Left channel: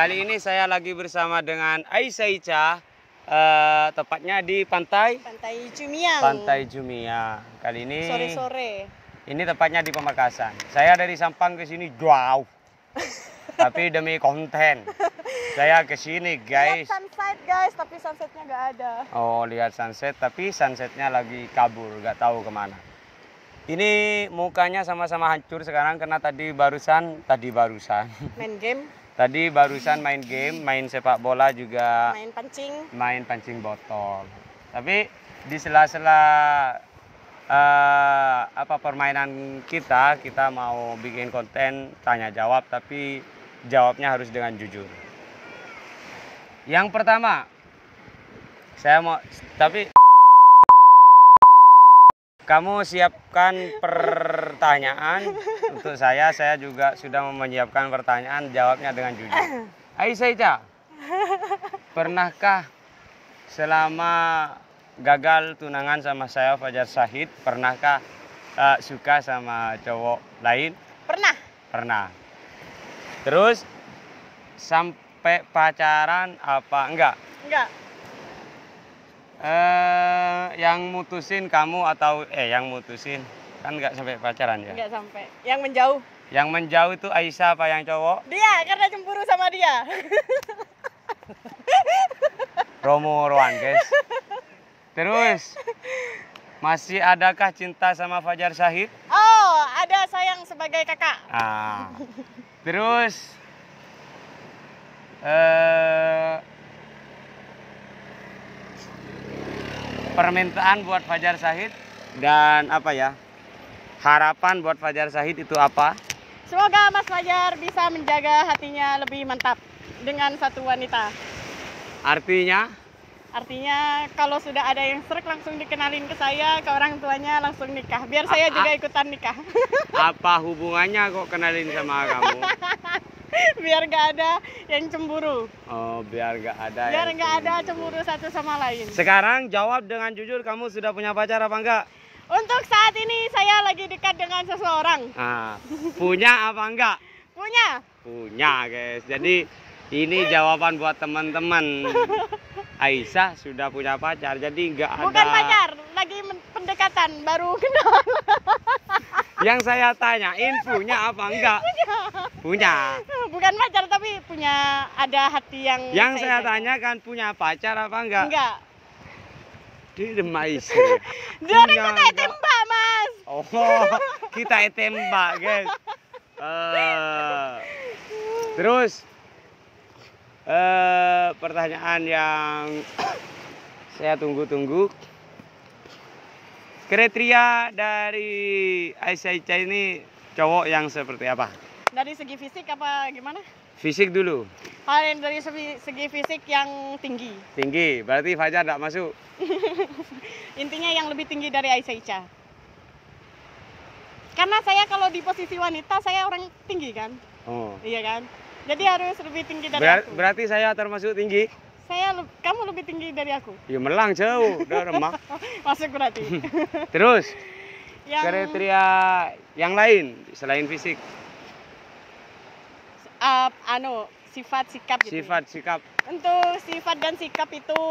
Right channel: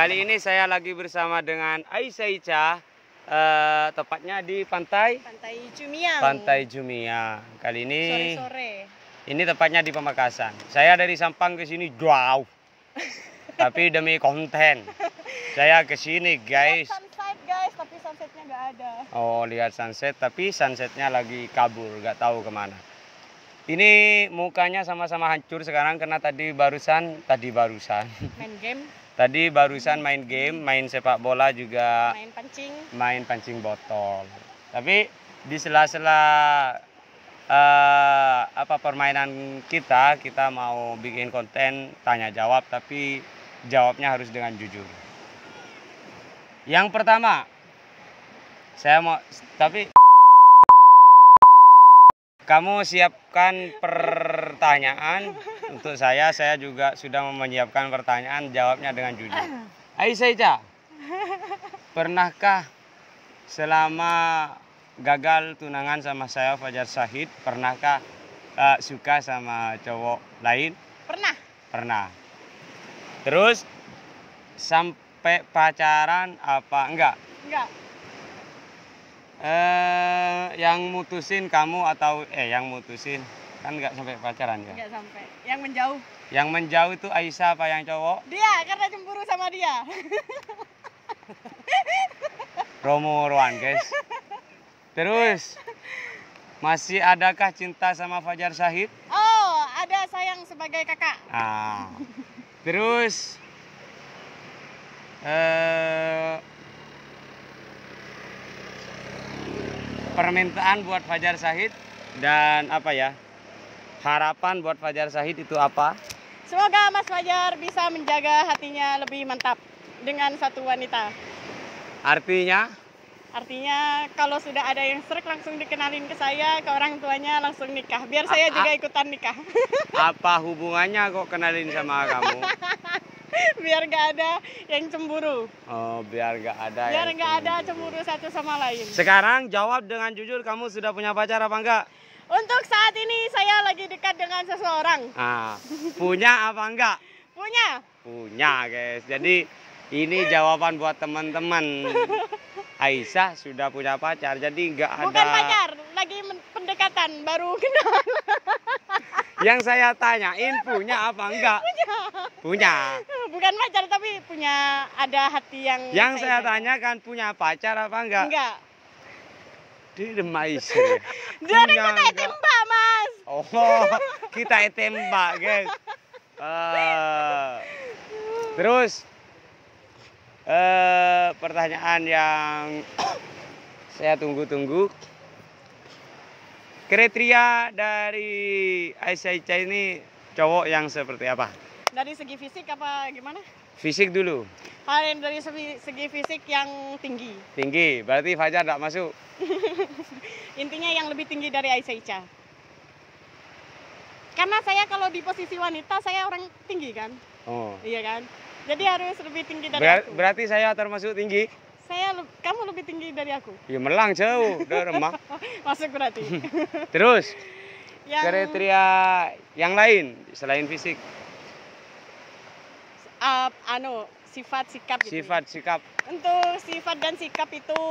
Kali ini saya lagi bersama dengan Aisyah Ica, tepatnya di Pantai Jumiang. Pantai Jumiang. Kali ini Sore-sore. Ini tepatnya di Pamekasan. Saya dari Sampang ke sini jauh. Tapi demi konten saya ke sini, guys. Lihat sunset, guys, tapi sunsetnya nggak ada. Oh, lihat sunset, tapi sunsetnya lagi kabur, nggak tahu kemana. Ini mukanya sama-sama hancur sekarang karena tadi barusan Main game, tadi barusan main game, main sepak bola juga, main pancing botol. Tapi di sela-sela permainan kita mau bikin konten tanya jawab, tapi jawabnya harus dengan jujur. Yang pertama, kamu siapkan pertanyaan untuk saya juga sudah menyiapkan pertanyaan, jawabnya dengan jujur. Aisyah Ica, pernahkah selama gagal tunangan sama saya Fajar Syahid, pernahkah suka sama cowok lain? Pernah. Terus sampai pacaran apa enggak? Enggak. Yang mutusin kamu atau yang mutusin kan enggak sampai pacaran ya? Enggak sampai. Yang menjauh. Yang menjauh itu Aisyah apa yang cowok? Dia, karena cemburu sama dia. Romo-roan, guys. Terus masih adakah cinta sama Fajar Syahid? Oh, ada, sayang sebagai kakak. Terus permintaan buat Fajar Syahid dan harapan buat Fajar Syahid itu apa? Semoga Mas Fajar bisa menjaga hatinya lebih mantap dengan satu wanita. Artinya kalau sudah ada yang serak langsung dikenalin ke saya, ke orang tuanya langsung nikah. Biar saya juga ikutan nikah. Apa hubungannya kok kenalin sama kamu? Biar gak ada yang cemburu. Oh, biar gak ada cemburu satu sama lain. Sekarang jawab dengan jujur, kamu sudah punya pacar apa enggak? Untuk saat ini saya lagi dekat dengan seseorang. Punya apa enggak? Punya, guys. Jadi ini jawaban buat teman-teman. Aisyah sudah punya pacar, jadi enggak ada. Bukan pacar, lagi pendekatan, baru kenal. Yang saya tanyain punya apa enggak? Punya. Bukan pacar, tapi punya, ada hati yang. Yang saya tanyakan punya pacar apa enggak? Enggak. Dia Aisyah. Dia kita tembak, Mas. Oh, kita tembak, guys. Terus pertanyaan yang saya tunggu-tunggu. Kriteria dari Aisyah Ica ini cowok yang seperti apa? Dari segi fisik apa gimana? Fisik dulu. Dari segi fisik yang tinggi. Tinggi, berarti Fajar tidak masuk. Intinya yang lebih tinggi dari Aisyah Ica. Karena saya kalau di posisi wanita, saya orang tinggi kan? Oh. Iya kan? Jadi harus lebih tinggi dari aku. Berarti saya termasuk tinggi? Kamu lebih tinggi dari aku. Ya melang jauh, udah remah. Masuk berarti. Terus kriteria yang lain selain fisik? Sifat sikap gitu. Sifat sikap. Untuk sifat dan sikap itu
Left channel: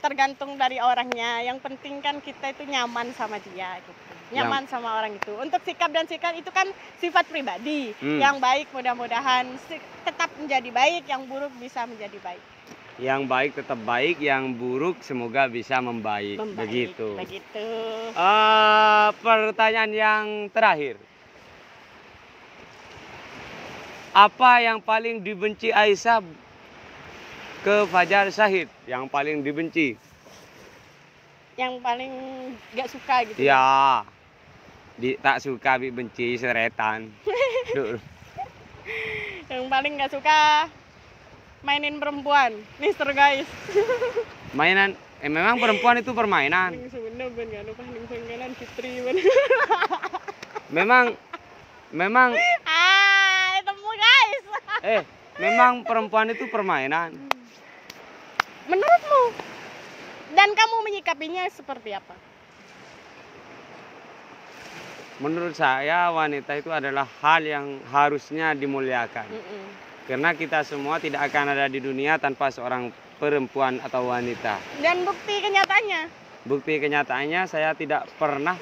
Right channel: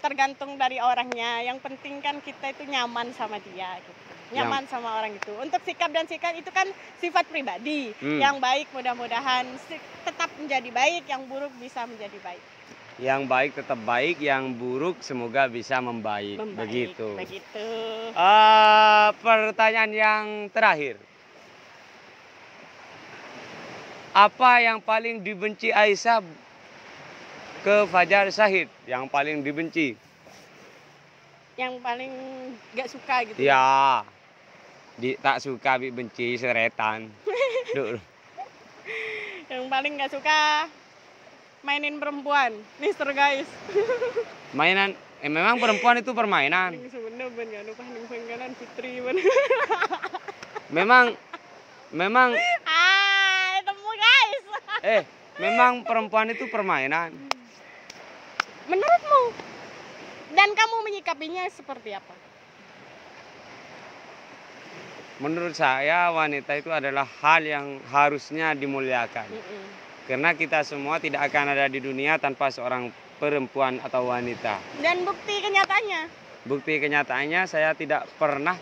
tergantung dari orangnya. Yang penting kan kita itu nyaman sama dia gitu. Nyaman sama orang itu. Untuk sikap dan sikap itu kan sifat pribadi. Yang baik mudah-mudahan tetap menjadi baik, yang buruk bisa menjadi baik. Yang baik tetap baik, yang buruk semoga bisa membaik. Begitu. Pertanyaan yang terakhir. Apa yang paling dibenci Aisyah ke Fajar Syahid? Yang paling dibenci? Yang paling gak suka gitu. Ya. Tak suka, benci, seretan. Yang paling gak suka mainin perempuan, Mister guys. Mainan, memang perempuan itu permainan. Memang temu guys. Memang perempuan itu permainan. Menurutmu? Dan kamu menyikapinya seperti apa? Menurut saya wanita itu adalah hal yang harusnya dimuliakan. Karena kita semua tidak akan ada di dunia tanpa seorang perempuan atau wanita. Dan bukti kenyataannya? Bukti kenyataannya saya tidak pernah,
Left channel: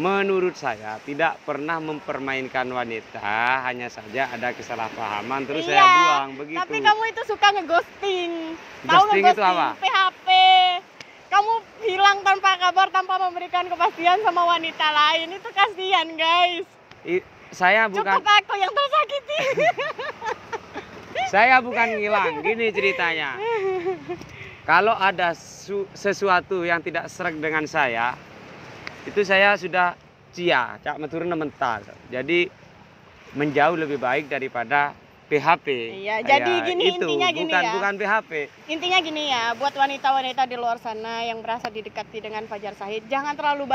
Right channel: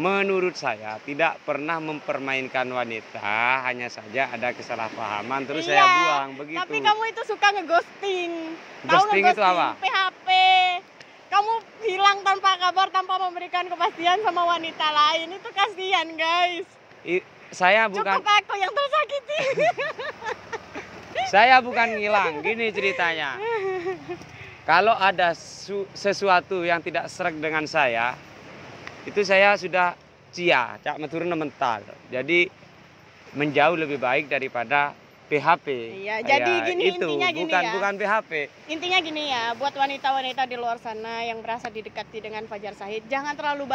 menurut saya tidak pernah mempermainkan wanita, hanya saja ada kesalahpahaman terus saya buang begitu. Tapi kamu itu suka ngeghosting. Ghosting itu apa? PHP. Kamu hilang tanpa kabar, tanpa memberikan kepastian sama wanita lain. Itu kasihan, guys. Saya bukan. Cukup aku yang tersakiti. Saya bukan ngilang, gini ceritanya. Kalau ada sesuatu yang tidak sreg dengan saya, itu saya sudah cak meturun mental. Jadi menjauh lebih baik daripada PHP. Iya, jadi gini itu intinya gini bukan PHP. Intinya gini ya, buat wanita-wanita di luar sana yang merasa didekati dengan Fajar Shahid, jangan terlalu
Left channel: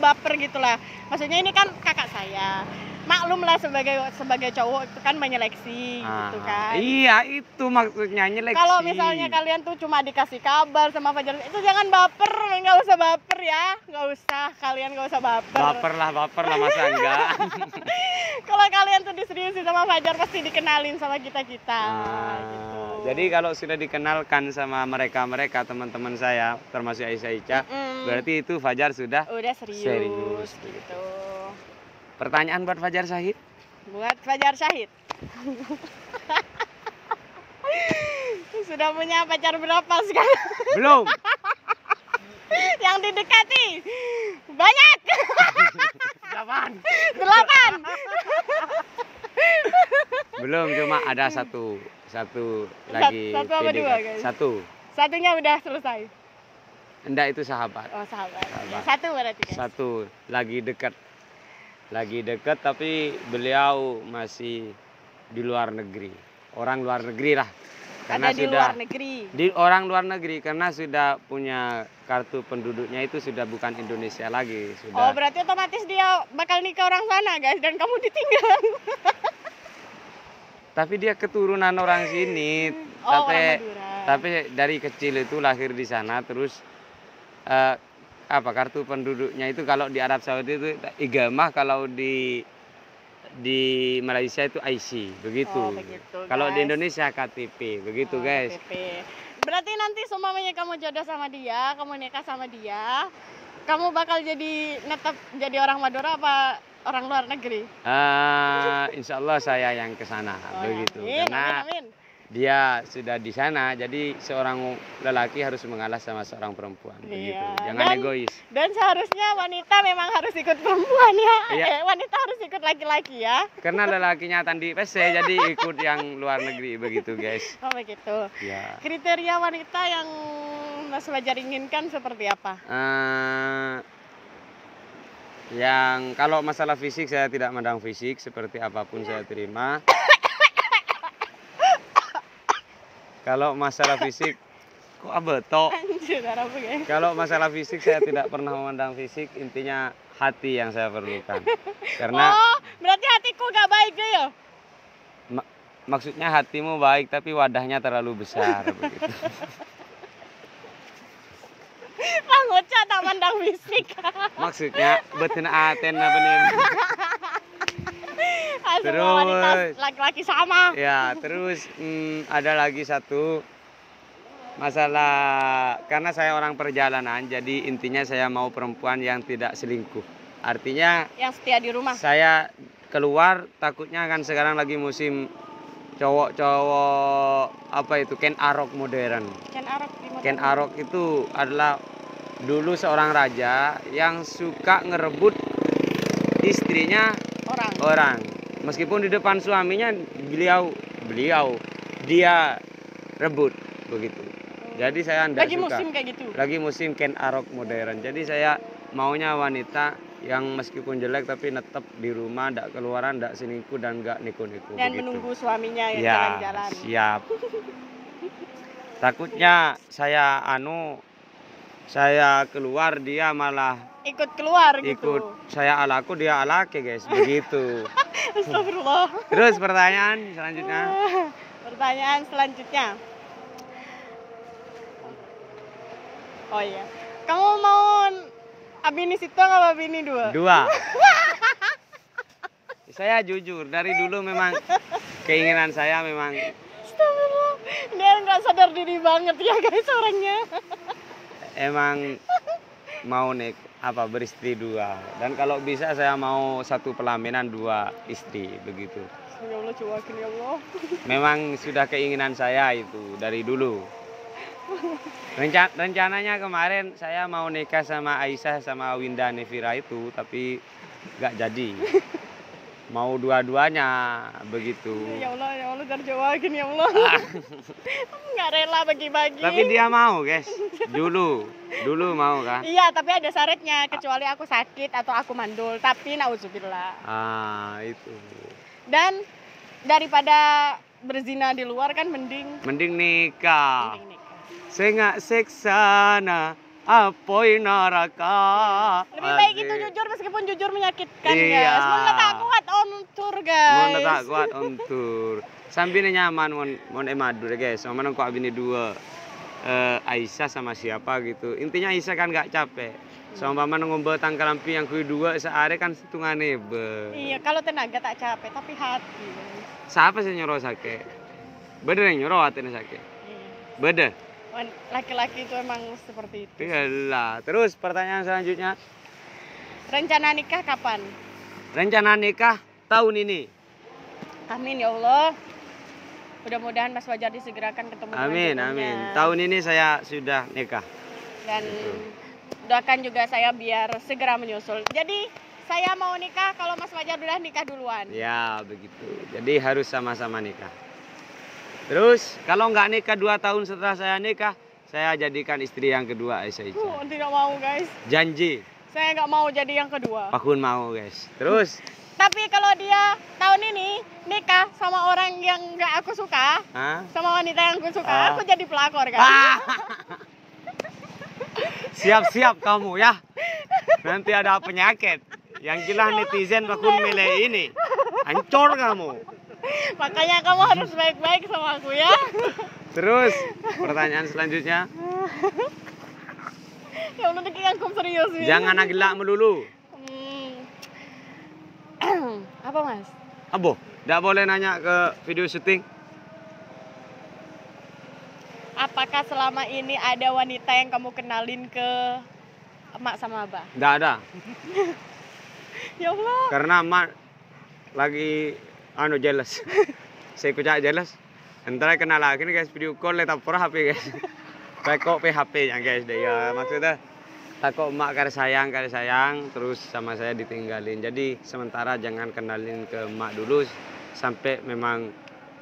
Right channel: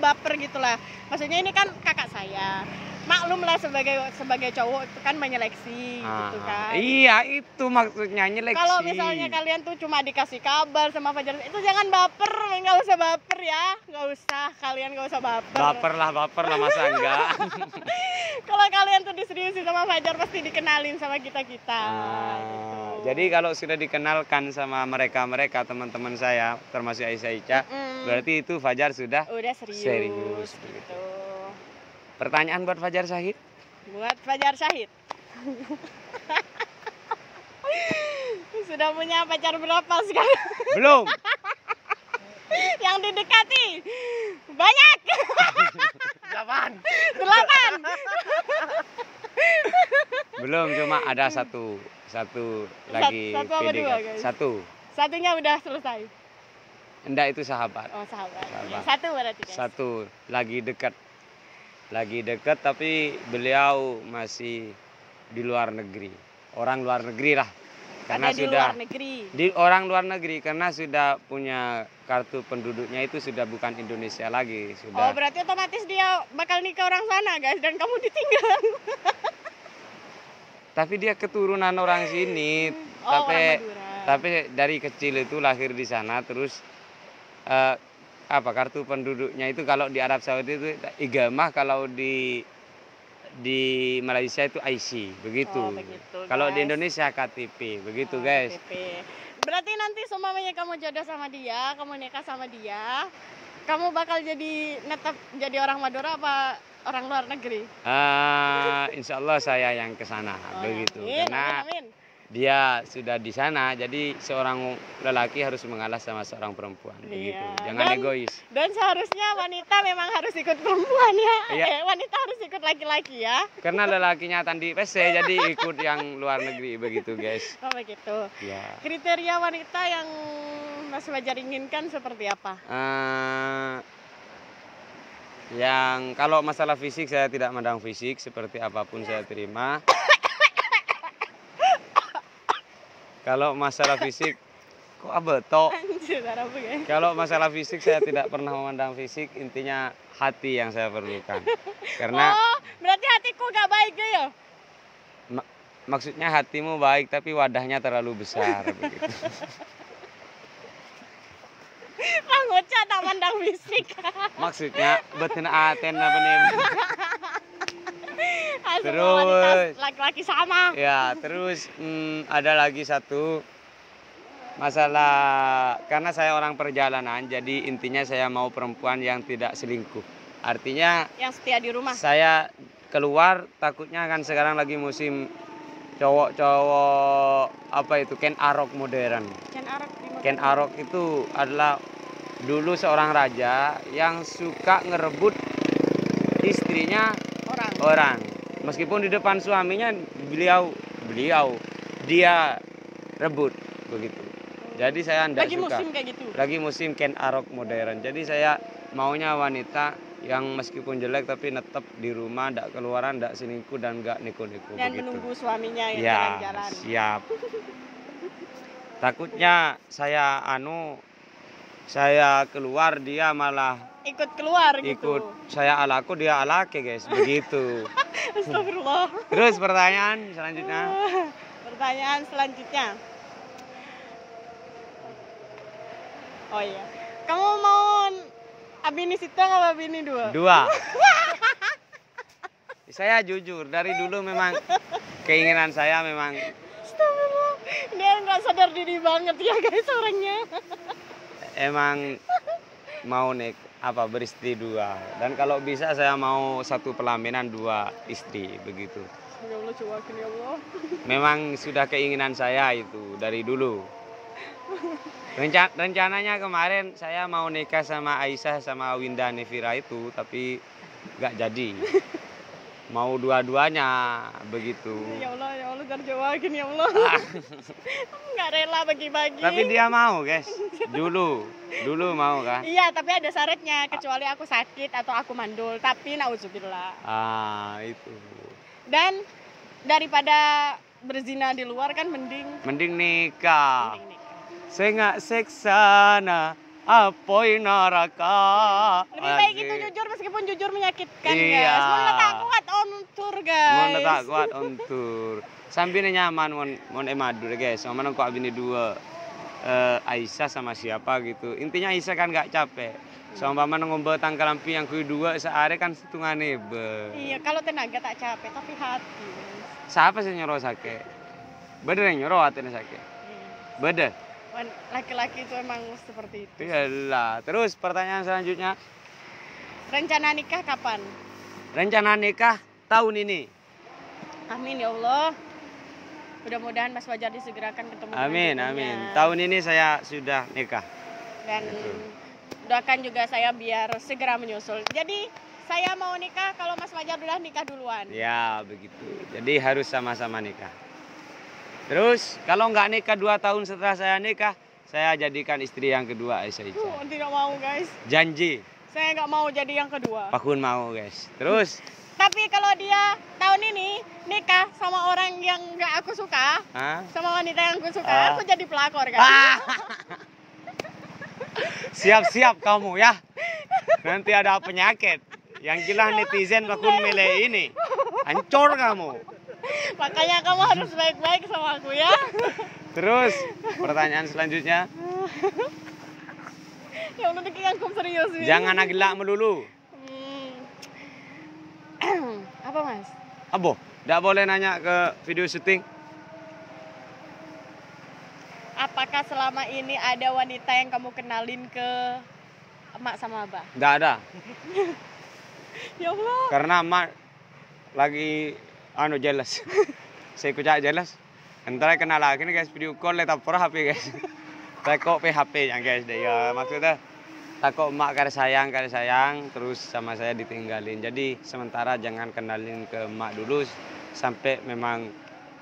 baper gitulah. Maksudnya ini kan kakak saya. Maklum lah sebagai cowok itu kan menyeleksi gitu kan. Iya, itu maksudnya nyeleksi. Kalau misalnya kalian tuh cuma dikasih kabar sama Fajar, itu jangan baper, nggak usah baper ya, kalian nggak usah baper. Baper lah masa enggak. Kalau kalian tuh diseriusin sama Fajar pasti dikenalin sama kita. Gitu. Jadi kalau sudah dikenalkan sama mereka teman-teman saya termasuk Aisyah Ica, berarti itu Fajar sudah serius gitu. Pertanyaan buat Fajar Shahid? Buat Fajar Shahid. Sudah punya pacar berapa sekarang? Belum. Yang didekati banyak. 8. Belum, cuma ada satu lagi PDKT. Satunya udah selesai. Enggak, itu sahabat. Oh, sahabat. Satu berarti. Guys. Satu lagi dekat tapi beliau masih di luar negeri. Orang luar negeri lah. Karena orang luar negeri karena sudah punya kartu penduduknya itu sudah bukan Indonesia lagi, sudah. Oh, berarti otomatis dia bakal nikah orang sana, guys, dan kamu ditinggal. Tapi dia keturunan orang sini. Tapi dari kecil itu lahir di sana terus kartu penduduknya itu kalau di Arab Saudi itu igamah, kalau di Malaysia itu IC, begitu. Kalau di Indonesia KTP, begitu guys. KTP. Berarti nanti semuanya kamu jodoh sama dia, kamu nikah sama dia, kamu bakal netap jadi orang Madura apa orang luar negeri? Insya Allah saya yang ke sana, begitu. Amin, karena amin. Dia sudah di sana, jadi seorang lelaki harus mengalah sama seorang perempuan, begitu. Jangan egois. Dan seharusnya wanita memang harus ikut perempuan ya. Iya. Wanita harus ikut laki-laki ya. Karena lelakinya tadi PC, jadi ikut yang luar negeri, begitu guys. Oh begitu. Ya. Kriteria wanita yang Mas Fajar inginkan seperti apa? Yang kalau masalah fisik saya tidak mandang fisik, seperti apapun saya terima. Kalau masalah fisik, kok abeto? Kalau masalah fisik saya tidak pernah memandang fisik, intinya hati yang saya perlukan. Karena berarti hatiku gak baik deh ya? Maksudnya hatimu baik tapi wadahnya terlalu besar begitu. Ngocah tak mandang fisik. Maksudnya betina aten apa nih? Terus laki-laki sama. Ya, terus ada lagi satu masalah, karena saya orang perjalanan, jadi intinya saya mau perempuan yang tidak selingkuh. Artinya yang setia di rumah. Saya keluar takutnya kan sekarang lagi musim cowok-cowok apa itu Ken Arok modern. Ken Arok itu adalah dulu seorang raja yang suka ngerebut istrinya orang. Meskipun di depan suaminya dia rebut begitu. Jadi saya tidak suka. Musim kayak gitu. Lagi musim Ken Arok modern. Jadi saya maunya wanita yang meskipun jelek tapi netep di rumah, tidak keluaran, tidak selingkuh dan nggak niku-niku begitu. Dan menunggu suaminya yang jalan-jalan. Siap. Takutnya saya keluar dia malah ikut keluar gitu. Saya alaku dia alake guys, begitu. Astagfirullah. Terus pertanyaan selanjutnya. Oh iya. Kamu mau abini situ apa abini 2? 2. Saya jujur, dari dulu memang keinginan saya memang Astagfirullah. Dia nggak sadar diri banget ya guys orangnya. emang mau beristri 2. Dan kalau bisa saya mau 1 pelaminan 2 istri begitu. Ya Allah, cuakin ya Allah. Memang sudah keinginan saya itu dari dulu. Rencananya kemarin saya mau nikah sama Aisyah sama Winda Nevira itu, tapi nggak jadi. Mau dua-duanya begitu. Ya Allah terjawabin ya Allah. Nggak rela bagi-bagi. Tapi dia mau guys, dulu mau kan? Iya, tapi ada syaratnya, kecuali aku sakit atau aku mandul. Tapi nauzubillah. Itu. Dan daripada berzina di luar kan mending nikah. nikah. Sengak seksana apoi neraka. Lebih baik itu jujur meskipun jujur menyakitkan Iya. guys. Mau tak kuat on tour guys. Mau tak kuat on tour. Sambil nyaman mon emadur guys. Sama nang kok abini 2 Aisyah sama siapa gitu. Intinya Aisyah kan gak capek. Sama paman ngombe tangkal lampi yang kedua sehari kan setungane be. Iya, kalau tenaga tak capek tapi hati. Siapa sih nyuruh sakit? Bener yang nyuruh hatinya sakit. Bener. Laki-laki itu emang seperti itu. Iyalah. Terus pertanyaan selanjutnya. Rencana nikah kapan? Rencana nikah tahun ini. Amin ya Allah. Mudah-mudahan Mas Fajar disegerakan ketemu. Amin, dengan amin. jodohnya. Tahun ini saya sudah nikah. Dan Gitu. doakan juga saya biar segera menyusul. Jadi saya mau nikah kalau Mas Fajar udah nikah duluan. Ya, begitu. Jadi harus sama-sama nikah. Terus kalau nggak nikah 2 tahun setelah saya nikah, saya jadikan istri yang kedua Aisyah. Tidak mau guys. Janji. Saya nggak mau jadi yang kedua. Pakun mau guys. Terus Tapi kalau dia tahun ini nikah sama orang yang nggak aku suka, sama wanita yang aku suka, aku jadi pelakor kan. Siap-siap kamu ya. Nanti ada penyakit. Yang gila netizen pakun milih ini. Hancur kamu. Makanya kamu harus baik-baik sama aku ya. Terus pertanyaan selanjutnya. Ya Allah, dikira aku serius nih. Jangan agilak melulu. Apa mas? Abo, tidak boleh nanya ke video syuting. Apakah selama ini ada wanita yang kamu kenalin ke emak sama abah? Tidak ada. Ya Allah. Karena emak lagi jelas. Saya kucak jelas. Entar kenal lagi nih guys, video call letap per HP guys. Takut PHP yang guys deh ya, maksudnya takut emak kare sayang terus sama saya ditinggalin. Jadi sementara jangan kenalin ke emak dulu sampai memang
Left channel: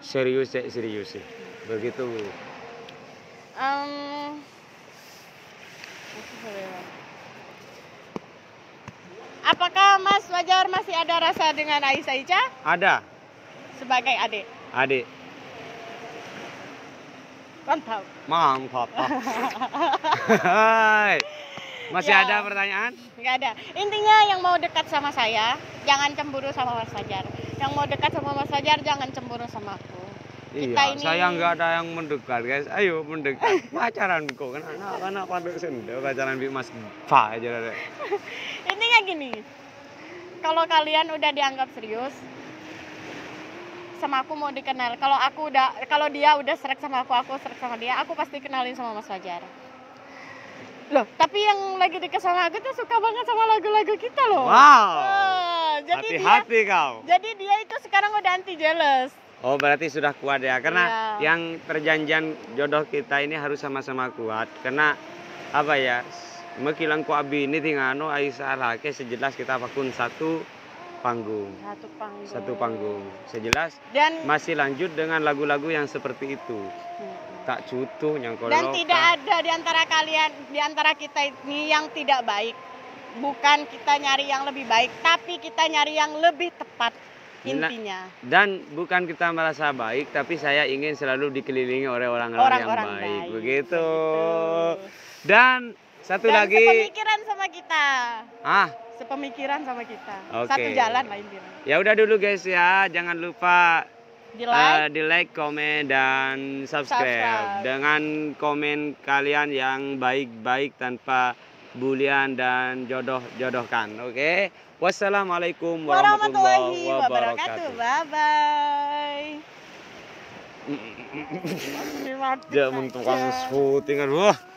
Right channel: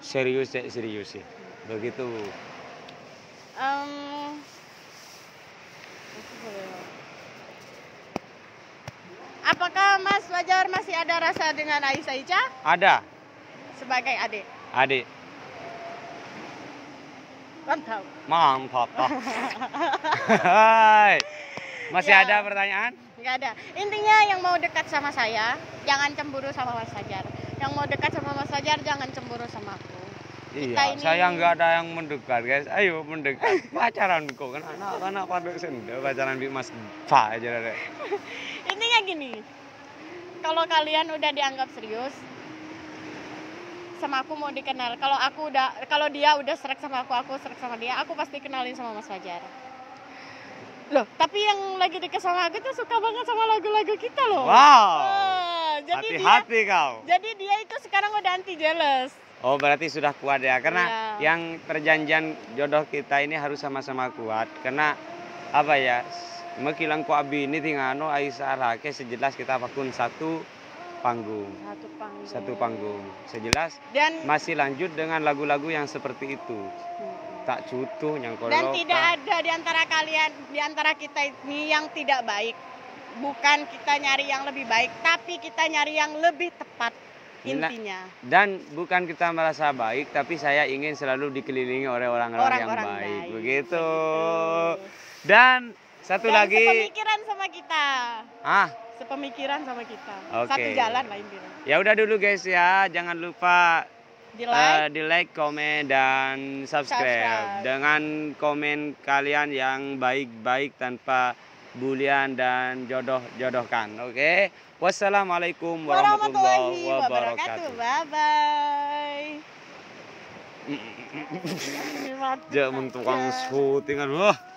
serius sih. Begitu. Apakah Mas Fajar masih ada rasa dengan Aisyah Ica? Ada. Sebagai adik. Adik. Mantap. Hai. Masih Ya. ada pertanyaan? Nggak ada. Intinya yang mau dekat sama saya, jangan cemburu sama Mas Fajar. Yang mau dekat sama Mas Fajar, jangan cemburu sama aku. Iya, saya nggak ada yang mendekat guys. Ayo mendekat. Pacaran kok kan anak pada sendiri pacaran bi Mas Fa aja deh. Intinya gini. Kalau kalian udah dianggap serius sama aku mau dikenal. Kalau dia udah serak sama aku serak sama dia, aku pasti kenalin sama Mas Fajar. Loh, tapi yang lagi dekat sama aku tuh suka banget sama lagu-lagu kita loh. Wow. Jadi Hati-hati kau. Jadi dia itu sekarang udah anti jealous. Oh, berarti sudah kuat ya. Karena Iya. yang perjanjian jodoh kita ini harus sama-sama kuat. Karena apa ya? Mekilang ku abi ini tingano Aisyah Rake sejelas kita pakun satu panggung. Satu panggung. Sejelas Dan masih lanjut dengan lagu-lagu yang seperti itu. Tak cutuh yang Dan tidak ada di antara kalian, di antara kita ini yang tidak baik. Bukan kita nyari yang lebih baik, tapi kita nyari yang lebih tepat intinya. Dan bukan kita merasa baik, tapi saya ingin selalu dikelilingi oleh orang-orang yang baik. Begitu. Dan satu lagi. Sepemikiran sama kita. Sepemikiran sama kita. Oke. Satu jalan lah intinya. Ya udah dulu guys ya, jangan lupa Di like, komen, dan subscribe. Dengan komen kalian yang baik-baik tanpa bulian dan jodoh-jodohkan. Oke. Wassalamualaikum warahmatullahi wabarakatuh. Bye bye. Jangan tukang syutingan. Wah.